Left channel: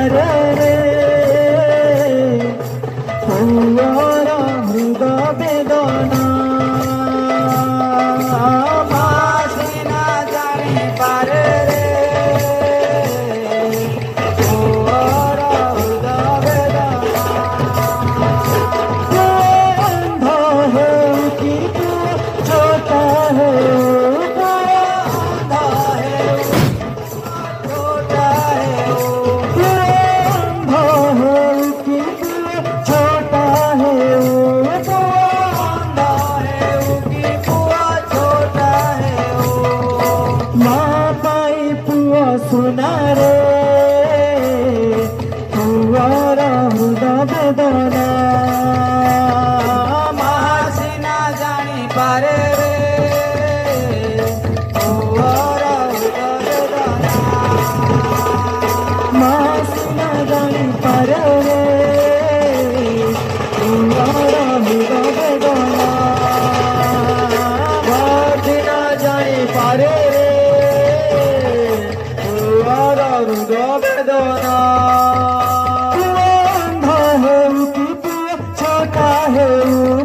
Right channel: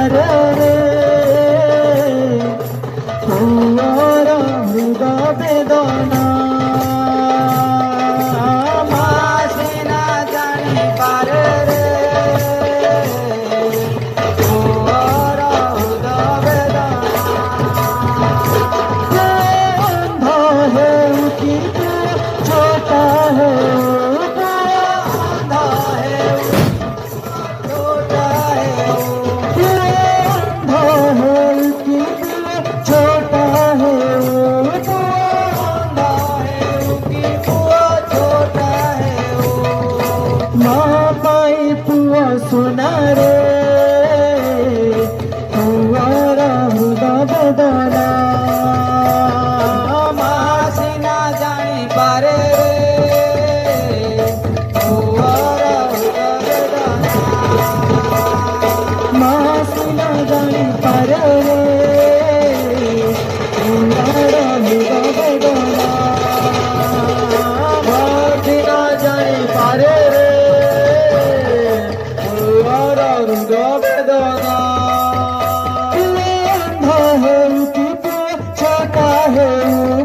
पारे रे तुअर हृदय वेदना मासिना जानी पारे रे तुअर हृदय वेदना अंधा है कि तू छोटा है अंधा है छोटा है अंधा है कि तू छोटा है अंधा है कि बुआ छोटा है माँ पाई पुआ सुना रे तुअर हृदय वेदना मासिना जानी पारे रे तुअर हृदय वेदना मासिना जानी पारे रे तुअर हृदय वेदना मासिना जानी पारे रे तुअर हृदय वेदना अंधा है कि तू छोटा है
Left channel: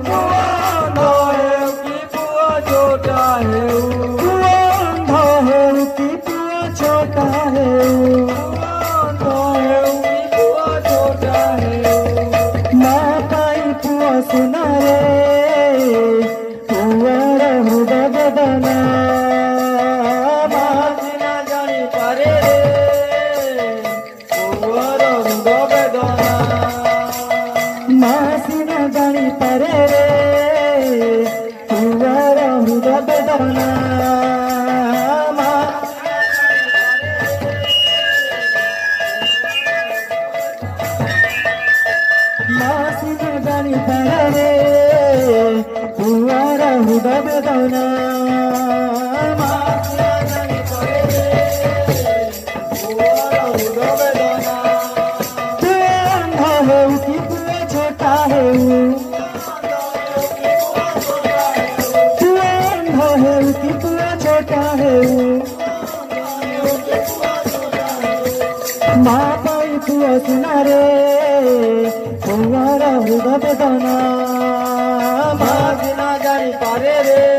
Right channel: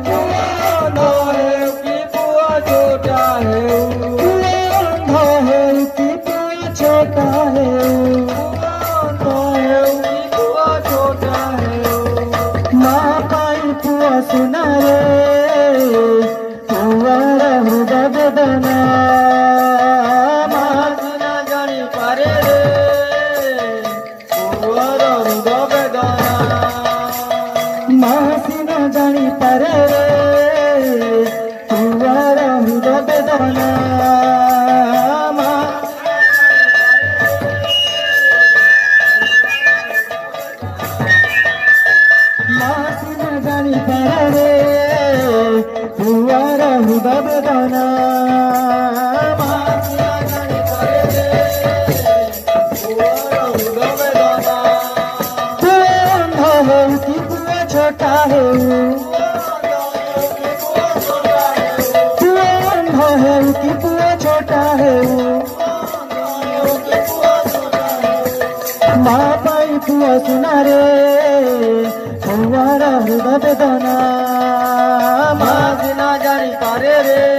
अंधा है कि बुआ छोटा है अंधा है कि तू छोटा है अंधा है कि बुआ छोटा है माँ पाई पुआ सुना रे तुअर हृदय वेदना मासिना जानी पारे रे तुअर हृदय वेदना मासिना जानी पारे रे तुअर हृदय वेदना मासिना जानी पारे रे तुअर हृदय वेदना मासिना जानी पारे रे तुअर हृदय वेदना तू अंधा है कि तू छोटा है तू अंधा है कि तू छोटा है माँ पाई पुआ सुना रे तुअर हृदय वेदना मासिना जानी पारे रे